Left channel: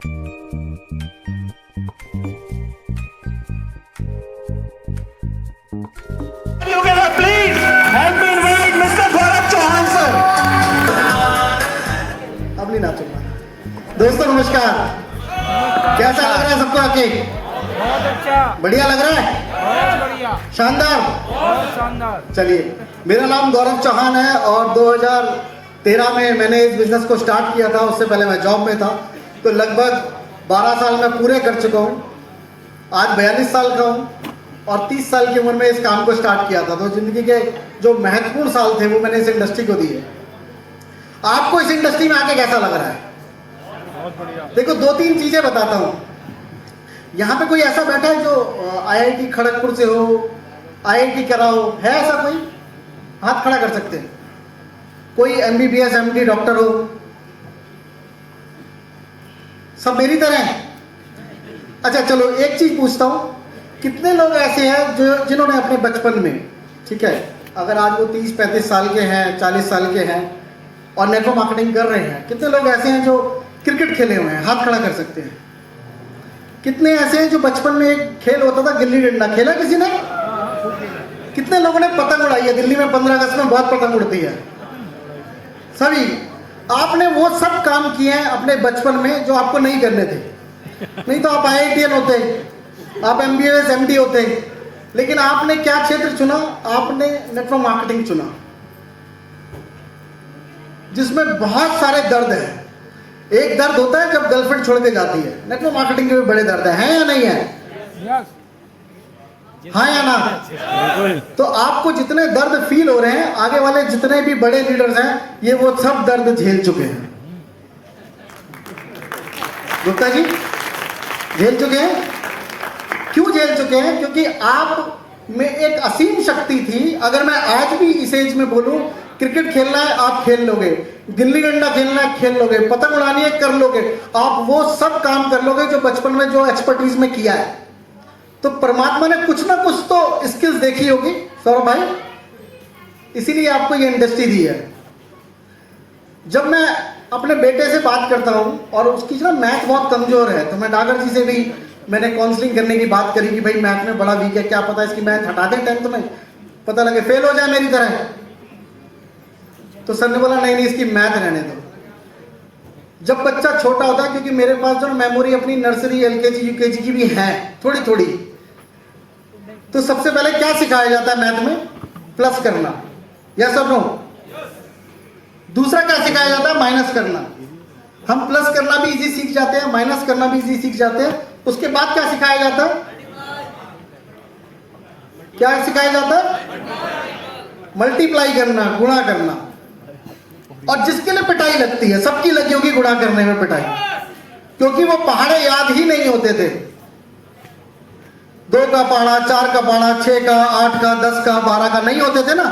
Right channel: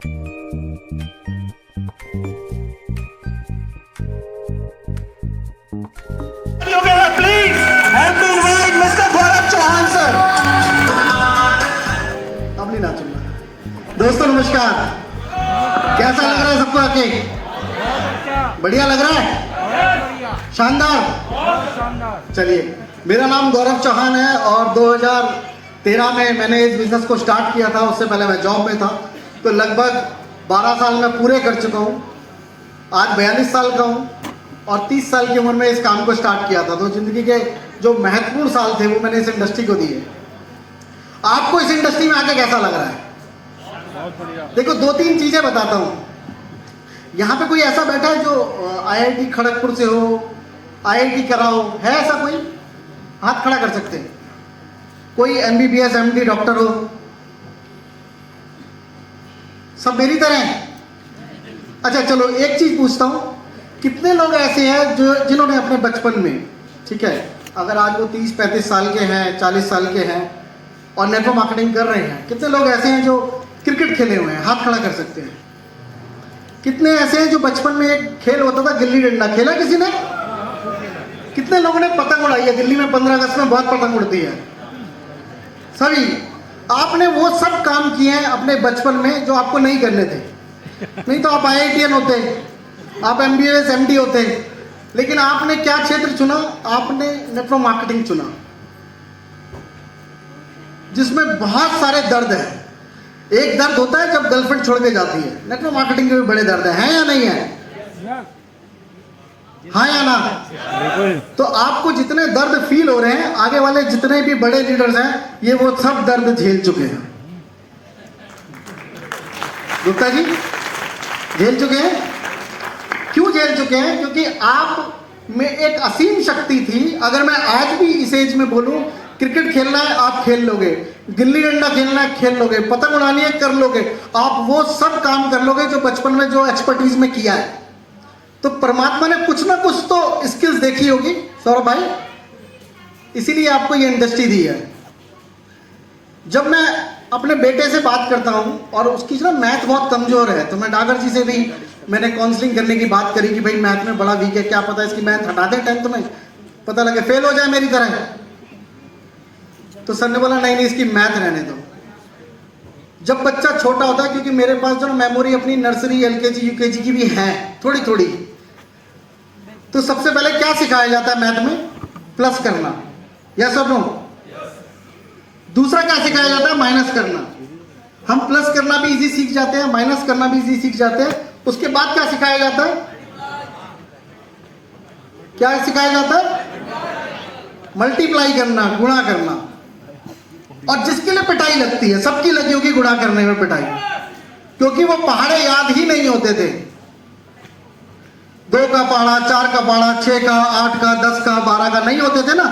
Please help me invite Mr. Gaurav Chauhan sir. अब नहीं नाचूंगा। दोस्तों नमस्कार। कैसा लग रहा है सबको आके? बहुत अच्छा, बढ़िया लग रहा है? बहुत बढ़िया, शानदार। बहुत शानदार। चलिए, मेरा नाम गौरव चौहान है और 2013 में मैंने इस बिजनेस को स्टार्ट किया था। उससे पहले मैं जॉब में था, तो लगभग 12 साल मैं पूरे कर चुका हूँ। आज 42 साल का हूँ और 30 साल की उम्र में इस काम को स्टार्ट किया था। तो जिंदगी के जो महत्वपूर्ण साल थे वो मैंने इस इंडस्ट्री को दिए। आपको इस इंडस्ट्री में आके कैसा लग रहा है? बहुत बढ़िया। देखो, 2-3 चीजें बताता हूँ। यहाँ पे कोई ऐसा बैठा है जो IIT खड़गपुर से हो, IIT करा हो? है ऐसा कोई? हाथ खड़ा कर सकते हैं। कोई MBBS MD डॉक्टर हो? सब मेरी तरह हैं? अच्छा चलो, एक चीज पूछता हूँ, कितने लोग ऐसे हैं जो जिन्होंने अपने बचपन में, ठीक है, अगर आज वो 30-35 साल के हैं, 40 साल के हैं और नेटवर्क मार्केटिंग कर रहे हैं, कितने लोग ऐसे हैं जो क्रिकेट खेले हुए हैं? हाथ खड़ा कर सकते हैं। कितने ऐसे हैं जो बचपन में एक खेल होता था गिल्ली डंडा, खेला किसी ने? कितने लोगों ने पतंग उड़ाई है? दिल्ली में 15 अगस्त में बहुत पतंग उड़ती है। सभी आपने वो सब काम किए हैं अपने बचपन में जो आपको नहीं करने थे। नहीं तो आप IITian होते, आप MBBS MD होते, लेकिन आपने क्या क्षेत्र चुना? आपने नेटवर्क मार्केटिंग चुना, जिसमें बहुत सारे दर्द है। एक दर्द होता है जब गर्लफ्रेंड छोड़ के जाती है, नेटवर्क मार्केटिंग के भी बड़े दर्द है या नहीं है? हाँ या ना? तो आपको जितने दर्द फील हो रहे हैं, आगे वाले जितने भी बड़े लीडर्स हैं, ये वो सब दर्द झेल चुके हैं। गुप्ता जी झेल चुके हैं। क्यों झेल चुके हैं? क्योंकि आप में एक असीम शक्ति थी। अगर मैं आज भी इस एज में बोलूं, क्रिकेट खेलना है आप खेल लोगे, गिल्ली डंडा खेलना है खेल लोगे, पतंग उड़ानी है कर लोगे, आप वो सब काम कर लोगे जो बचपन में जो एक्सपर्टीज में किया है। तो परमात्मा ने कुछ ना कुछ तो स्किल्स देखी होगी सौरभ भाई, इसीलिए आपको ये इंडस्ट्री दी है। जब मैं अपने बेटे से बात करता हूं और उसकी ना मैथ बहुत कमजोर है, तो मैं डागर जी से भी मैंने काउंसलिंग करने की बात करी कि भाई मैथ में बड़ा वीक है, क्या पता इसकी मैथ हटा दें 10th में, पता लगे फेल हो जाए मेरी तरह। तो सर ने बोला नहीं नहीं, इसकी मैथ रहने दो। जब बच्चा छोटा होता है, क्योंकि मेरे पास जो मेमोरी अपनी नर्सरी LKG UKG की भी है थोड़ी थोड़ी, तो सबसे पहले क्या सिखाया जाता है मैथ में? प्लस करना, यस और नो? दूसरा क्या सिखाया जाता है? माइनस करना। हम प्लस करना भी इजी सीख जाते हैं, माइनस करना भी इजी सीख जाते हैं। उसके बाद क्या सिखाया जाता है? क्या सिखाया जाता है? मल्टीप्लाई करना, गुणा करना। और जिसके लिए पिटाई लगती है, सबकी लगी होगी गुणा करने में पिटाई, क्योंकि वो पहाड़े याद ही नहीं होते थे। 2 का पहाड़ा, 4 का पहाड़ा, 6 का, 8 का, 10 का, 12 का नहीं होते थे ना।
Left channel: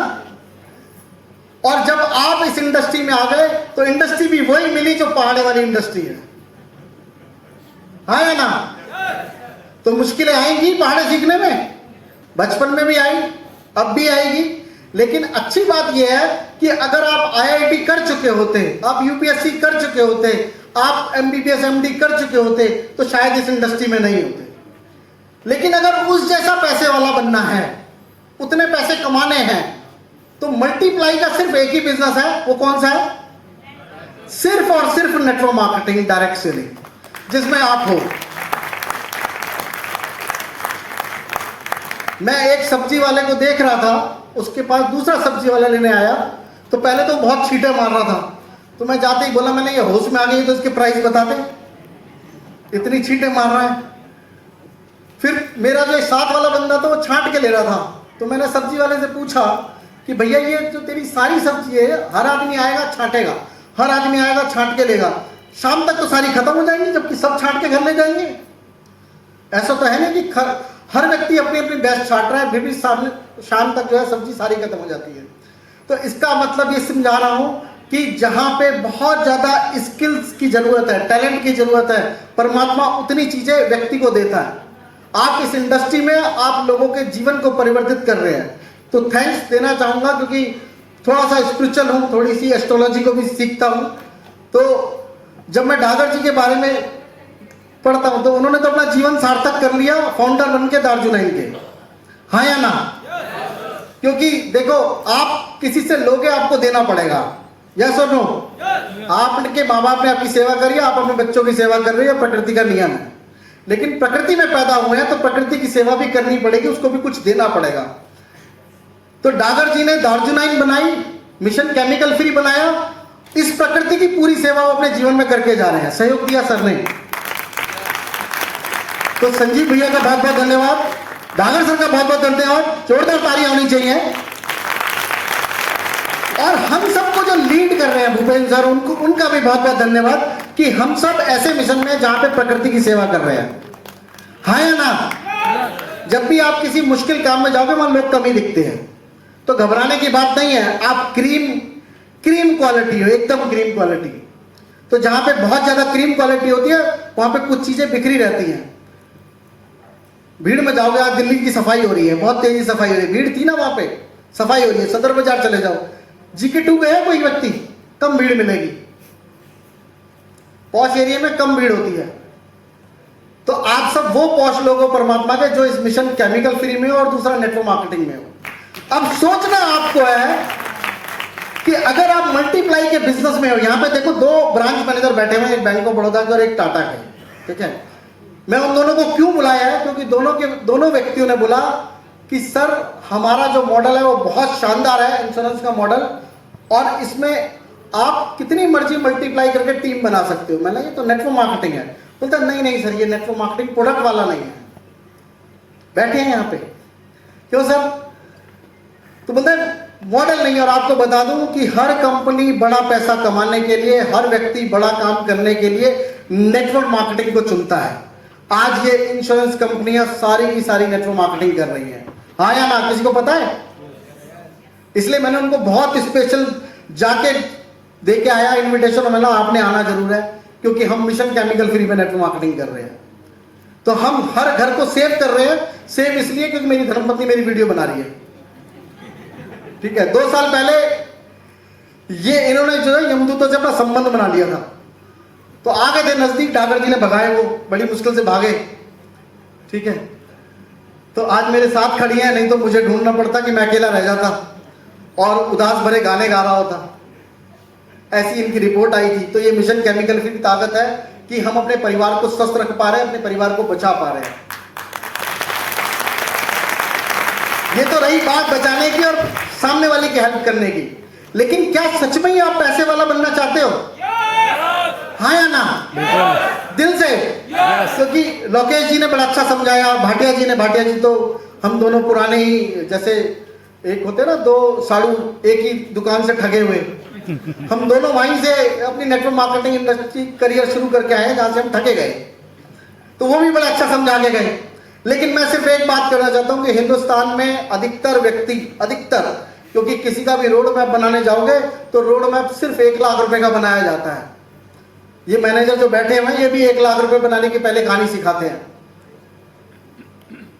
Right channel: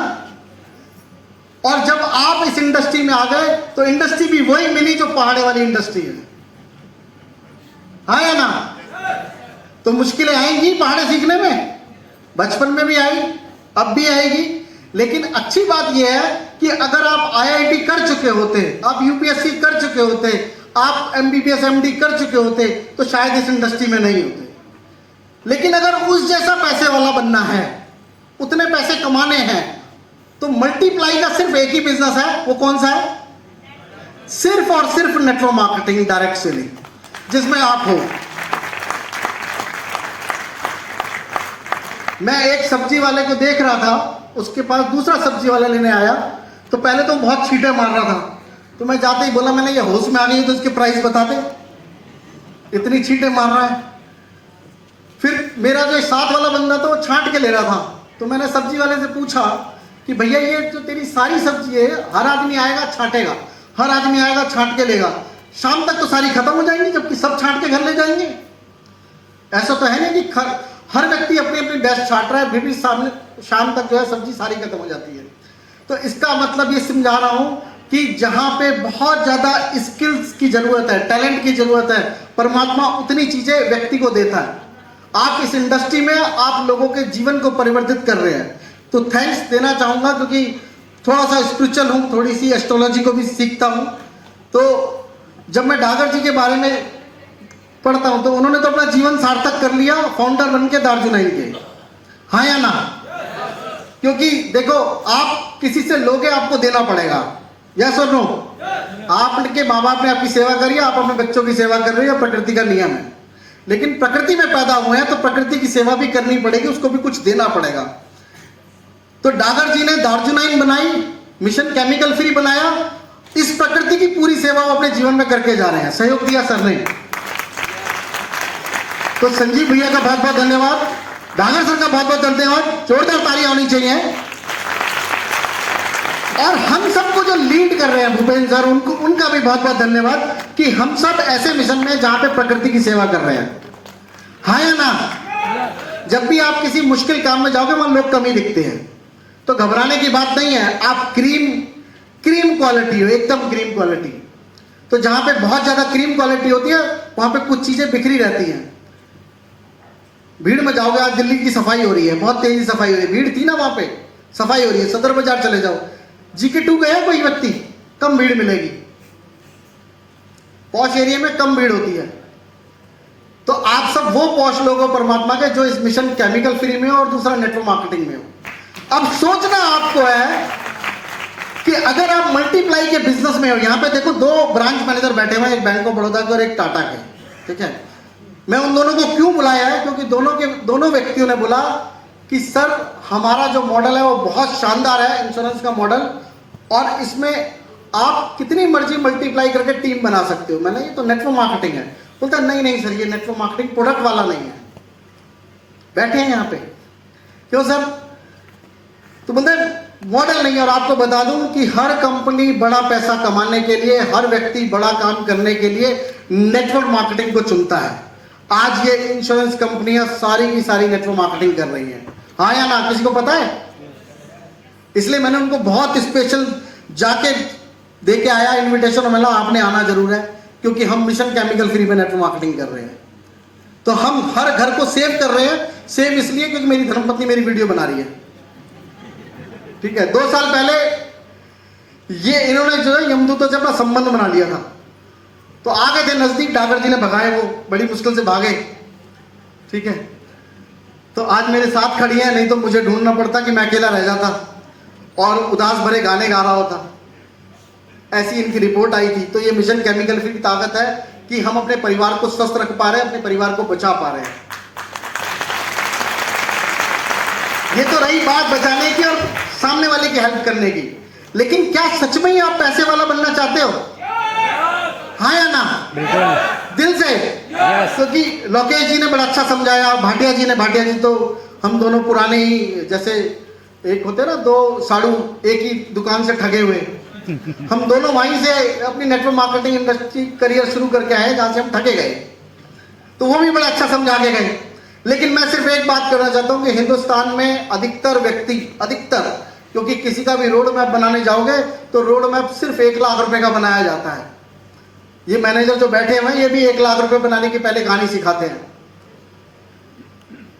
और जब आप इस इंडस्ट्री में आ गए तो इंडस्ट्री भी वही मिली जो पहाड़े वाली इंडस्ट्री है। हाँ या ना? तो मुश्किलें आएंगी पहाड़े सीखने में, बचपन में भी आई, अब भी आएगी। लेकिन अच्छी बात यह है कि अगर आप IIT कर चुके होते, आप UPSC कर चुके होते, आप MBBS MD कर चुके होते, तो शायद इस इंडस्ट्री में नहीं होते। लेकिन अगर उस जैसा पैसे वाला बनना है, उतने पैसे कमाने हैं, तो मल्टीप्लाई का सिर्फ एक ही बिजनेस है। वो कौन सा है? सिर्फ और सिर्फ नेटवर्क मार्केटिंग, डायरेक्ट सेलिंग, जिसमें आप हो। मैं एक सब्जी वाले को देख रहा था, उसके पास दूसरा सब्जी वाला लेने आया, तो पहले तो बहुत छींटे मार रहा था। तो मैं जाते ही बोला, मैंने ये होश में आ गई तो इसके प्राइस बता दे, इतनी छींटे मार रहा है। फिर मेरा जो साथ वाला बंदा था वो छांट के ले रहा था, तो मैंने सब्जी वाले से पूछा कि भैया ये जो तेरी सारी सब्जी है, हर आदमी आएगा छांटेगा, हर आदमी आएगा छांट के लेगा, शाम तक तो सारी खत्म हो जाएंगी, जबकि सब छांट के घर ले जाएंगे। ऐसा तो है ना कि हर व्यक्ति अपनी अपनी बेस्ट छांट रहा है, फिर भी शाम तक जो है सब्जी सारी खत्म हो जाती है। तो इसका मतलब ये समझा रहा हूं कि जहां पे बहुत ज्यादा स्किल्स की जरूरत है, टैलेंट की जरूरत है, परमात्मा उतनी चीजें व्यक्ति को देता है। आप इस इंडस्ट्री में आप लोगों के जीवन को परिवर्तित कर रहे हैं, तो थैंक्स देना चाहूंगा, क्योंकि थोड़ा सा स्पिरिचुअल हूँ, थोड़ी सी एस्ट्रोलॉजी को भी सीखता हूँ। तो जब मैं डागर जी के बारे में पढ़ता हूं, तो उन्होंने तो अपना जीवन सार्थक कर लिया फाउंडर बन के दार्जिलिंग के, हाँ या ना? क्योंकि देखो, आप किसी से लोगे, आपको देना पड़ेगा, यस और नो? आपके माँ बाप ने आपकी सेवा करी, आप अपने बच्चों की सेवा कर रहे हो, प्रकृति का नियम है। लेकिन प्रकृति में पैदा हुए हैं तो प्रकृति की सेवा भी करनी पड़ेगी, उसको भी कुछ देना पड़ेगा। तो डागर जी ने दार्जिलिंग बनाई, मिशन केमिकल फ्री बनाया, इस प्रकृति की पूरी सेवा वो अपने जीवन में करके जा रहे हैं। सहयोग दिया सर ने, तो संजीव भैया का बहुत बहुत धन्यवाद, डागर सर का बहुत बहुत धन्यवाद, जोरदार तालियां होनी चाहिए। और हम सबको जो लीड कर रहे हैं भूपेंद्र सर, उनको, उनका भी बहुत बहुत धन्यवाद कि हम सब ऐसे मिशन में जहां पे प्रकृति की सेवा कर रहे हैं, हाँ या ना? जब भी आप किसी मुश्किल काम में जाओगे वहां लोग कम ही दिखते हैं, तो घबराने की बात नहीं है। आप क्रीम क्वालिटी हो, एकदम क्रीम क्वालिटी। तो जहां पे बहुत ज्यादा क्रीम क्वालिटी होती है वहां पे कुछ चीजें बिखरी रहती हैं। भीड़ में जाओगे, आज दिल्ली की सफाई हो रही है, बहुत तेजी सफाई हो रही है, भीड़ थी ना वहां पे, सफाई हो रही है। सदर बाजार चले जाओ, जीके 2 गया कोई व्यक्ति, कम भीड़ मिलेगी। पॉश एरिया में कम भीड़ होती है। तो आप सब वो पॉश लोग हो परमात्मा के, जो इस मिशन केमिकल फ्री में हो और दूसरा नेटवर्क मार्केटिंग में हो। अब सोचना आपको है कि अगर आप मल्टीप्लाई के बिजनेस में हो, यहां पे देखो 2 ब्रांच मैनेजर बैठे हुए हैं, एक बैंक ऑफ बड़ौदा के और एक टाटा के, ठीक है? मैं उन दोनों को क्यों बुलाया है? क्योंकि दोनों व्यक्तियों ने बोला कि सर हमारा जो मॉडल है वो बहुत शानदार है, इंश्योरेंस का मॉडल, और इसमें आप कितनी मर्जी मल्टीप्लाई करके टीम बना सकते हो। मैंने ये तो नेटवर्क मार्केटिंग है। बोलता नहीं सर, ये नेटवर्क मार्केटिंग प्रोडक्ट वाला नहीं है। बैठे हैं यहाँ पे, क्यों सर? तो बोलते मॉडल नहीं। और आपको बता दूं कि हर कंपनी बड़ा पैसा कमाने के लिए, हर व्यक्ति बड़ा काम करने के लिए नेटवर्क मार्केटिंग को चुनता है। आज ये इंश्योरेंस कंपनियां सारी की सारी नेटवर्क मार्केटिंग कर रही हैं, हाँ या ना? किसी को पता है? इसलिए मैंने उनको बहुत स्पेशल जाके दे के आया इन्विटेशन, और मैंने आपने आना जरूर है, क्योंकि हम मिशन केमिकल फ्री में नेटवर्क मार्केटिंग कर रहे हैं। तो हम हर घर को सेव कर रहे हैं। सेव इसलिए क्योंकि मेरी धर्मपत्नी मेरी वीडियो बना रही है, ठीक है? 2 साल पहले ये इन्होंने जो है यमदूतों से अपना संबंध बना लिया था, तो आ गए थे नजदीक, डागर जी ने भगाए, वो बड़ी मुश्किल से भागे, ठीक है? तो आज मेरे साथ खड़ी है, नहीं तो मुझे ढूंढना पड़ता कि मैं अकेला रह जाता और उदास भरे गाने गा रहा होता। ऐसी इनकी रिपोर्ट आई थी। तो ये मिशन केमिकल फ्री की ताकत है कि हम अपने परिवार को स्वस्थ रख पा रहे हैं, अपने परिवार को बचा पा रहे हैं। ये तो रही बात बचाने की और सामने वाले की हेल्प करने की, लेकिन क्या सच में ही आप पैसे वाला बनना चाहते हो? हाँ या ना? बिल्कुल दिल से। क्योंकि लोकेश जी ने बड़ा अच्छा समझाया, भाटिया जी तो हम दोनों पुराने ही, जैसे एक होते ना 2 साड़ू एक ही दुकान से ठगे हुए, हम दोनों वहीं से अपनी नेटवर्क मार्केटिंग इंडस्ट्री करियर शुरू करके आए जहां से हम ठगे गए। तो वो भी बड़ा अच्छा समझा के गए। लेकिन मैं सिर्फ एक बात करना चाहता हूं कि हिंदुस्तान में अधिकतर व्यक्ति, क्योंकि किसी का भी रोड मैप बनाने जाओगे तो रोड मैप सिर्फ 1 लाख रुपए का बनाया जाता है। ये मैनेजर जो बैठे हुए हैं ये भी 1 लाख रुपए बनाने की पहले कहानी सिखाते हैं।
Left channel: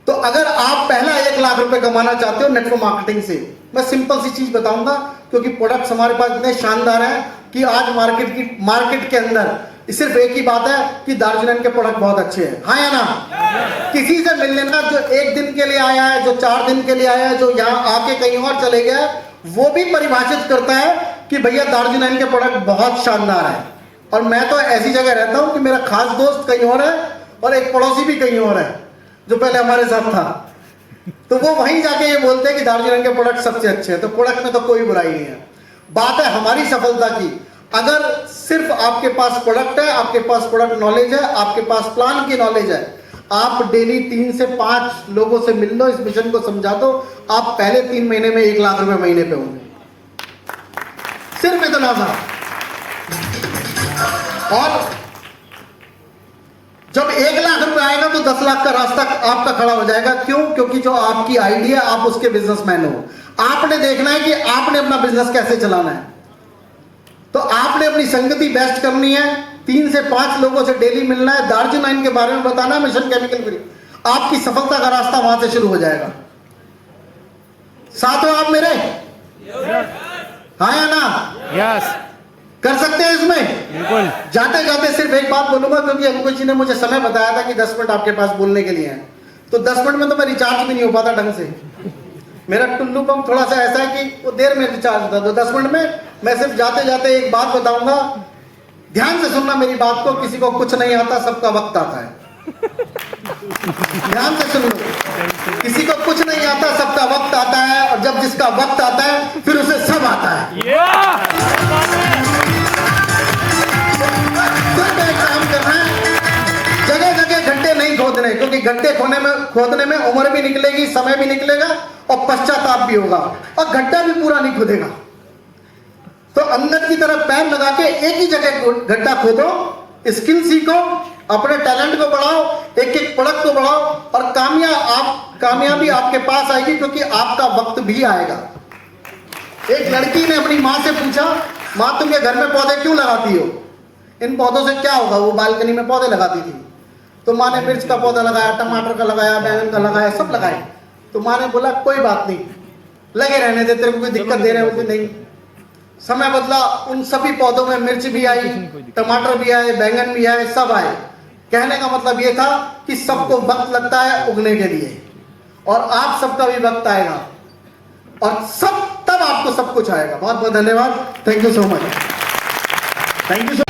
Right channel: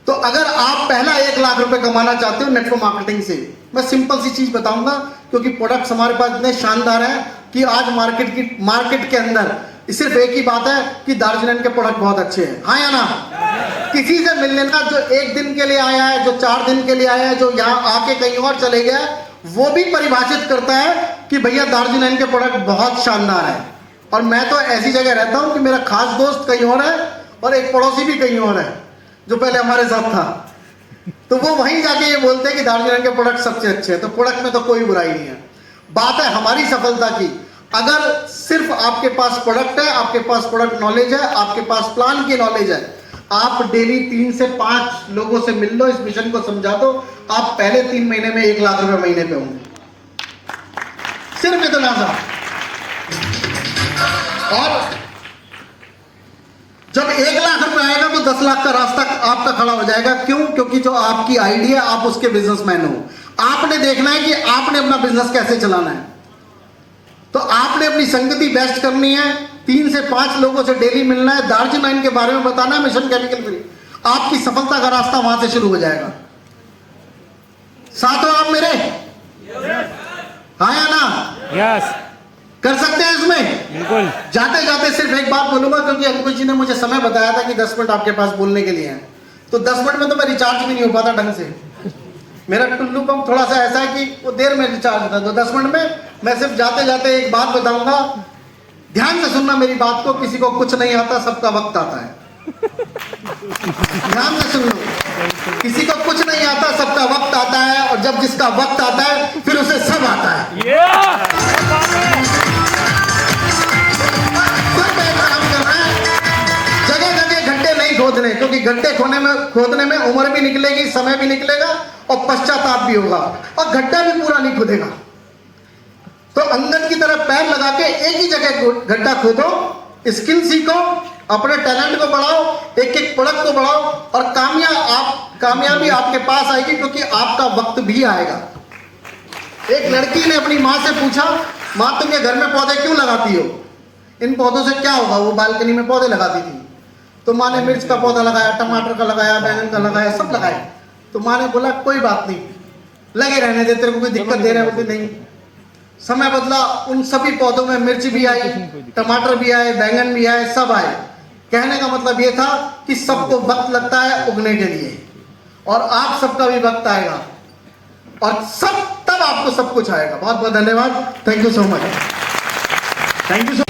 तो अगर आप पहला 1 लाख रुपए कमाना चाहते हो नेटवर्क मार्केटिंग से, मैं सिंपल सी चीज बताऊंगा, क्योंकि प्रोडक्ट्स हमारे पास इतने शानदार हैं कि आज मार्केट के अंदर सिर्फ एक ही बात है कि दार्जिलिंग के प्रोडक्ट बहुत अच्छे हैं, हाँ या ना? किसी से मिल लेना जो 1 दिन के लिए आया है, जो 4 दिन के लिए आया है, जो यहाँ आके कहीं और चले गया, वो भी परिभाषित करता है कि भैया दार्जिलिंग के प्रोडक्ट बहुत शानदार है। और मैं तो ऐसी जगह रहता हूं कि मेरा खास दोस्त कहीं और है और एक पड़ोसी भी कहीं और है जो पहले हमारे साथ था। तो वो वहीं जाके ये बोलते हैं कि दार्जिलिंग के प्रोडक्ट सबसे अच्छे हैं। तो प्रोडक्ट में तो कोई बुराई नहीं है। बात है हमारी सफलता की। अगर सिर्फ आपके पास प्रोडक्ट है, आपके पास प्रोडक्ट नॉलेज है, आपके पास प्लान की नॉलेज है, आप डेली 3 से 5 लोगों से मिल लो, इस मिशन को समझा दो, आप पहले 3 महीने में 1 लाख रुपए महीने पे होंगे। सिर्फ इतना सा। और जब 1 लाख रुपए आएगा तो 10 लाख का रास्ता आपका खड़ा हो जाएगा। क्यों? क्योंकि जो आपकी आइडिया, आप उसके बिजनेसमैन हो। आपने देखना है कि आपने अपना बिजनेस कैसे चलाना है। तो आपने अपनी संगति बेस्ट करनी है, 3 से 5 लोगों से डेली मिलना है, दार्जिलिंग के बारे में बताना, मिशन केमिकल फ्री। आपकी सफलता का रास्ता वहां से शुरू हो जाएगा। साथ हो आप मेरे? हाँ या ना? यस। कर सकते हैं इसमें? बिल्कुल। जाते जाते सिर्फ एक बात बोलूंगा, क्योंकि अंकुश जी ने मुझे समय बताया था कि 10 मिनट आपके पास बोलने के लिए हैं, तो 10 मिनट में तो मैं रिचार्ज भी नहीं हो पाता ढंग से। मेरा टुल्लू पंप थोड़ा सा ऐसा है कि वो देर में रिचार्ज होता है, तो 10 मिनट में मैं सिर्फ जाते जाते एक बात बताऊंगा, ध्यान से सुनना मेरी बात को। किसी को कुछ नहीं आता, सबका वक्त आता है। ध्यान से सुन लो, किसी को कुछ नहीं आता, सबका वक्त आता है, और जब जिसका वक्त आता है फिर उसे सब आता है। सिर्फ एक काम करना है, जगह जगह गड्ढे नहीं खोदने, क्योंकि गड्ढे खोदने में उम्र भी निकलेगी, समय भी निकलेगा और पश्चाताप भी होगा, और गड्ढा भी पूरा नहीं खुदेगा। तो अंदर की तरफ पैर लगा के एक ही जगह गड्ढा खोदो, स्किल सीखो, अपने टैलेंट को बढ़ाओ, एक एक प्रोडक्ट को बढ़ाओ, और कामयाबी आपके पास आएगी, क्योंकि आपका वक्त भी आएगा। एक लड़की ने अपनी माँ से पूछा, माँ तुम ये घर में पौधे क्यों लगाती हो? इन पौधों से क्या होगा? वो बालकनी में पौधे लगाती थी। तो माँ ने मिर्च का पौधा लगाया, टमाटर का लगाया, बैंगन का लगाया, सब लगाया। तो माँ ने बोला कोई बात नहीं, लगे रहने दे, तेरे को कोई दिक्कत दे रहे हो कि नहीं। समय बदला, उन सभी पौधों में मिर्च भी आई, टमाटर भी आए, बैंगन भी आए, सब आए। कहने का मतलब ये था कि सबको वक्त लगता है उगने के लिए, और आप सबका भी वक्त आएगा, और तब आपको सब कुछ आएगा। बहुत बहुत धन्यवाद। Thank you so much. Thank you so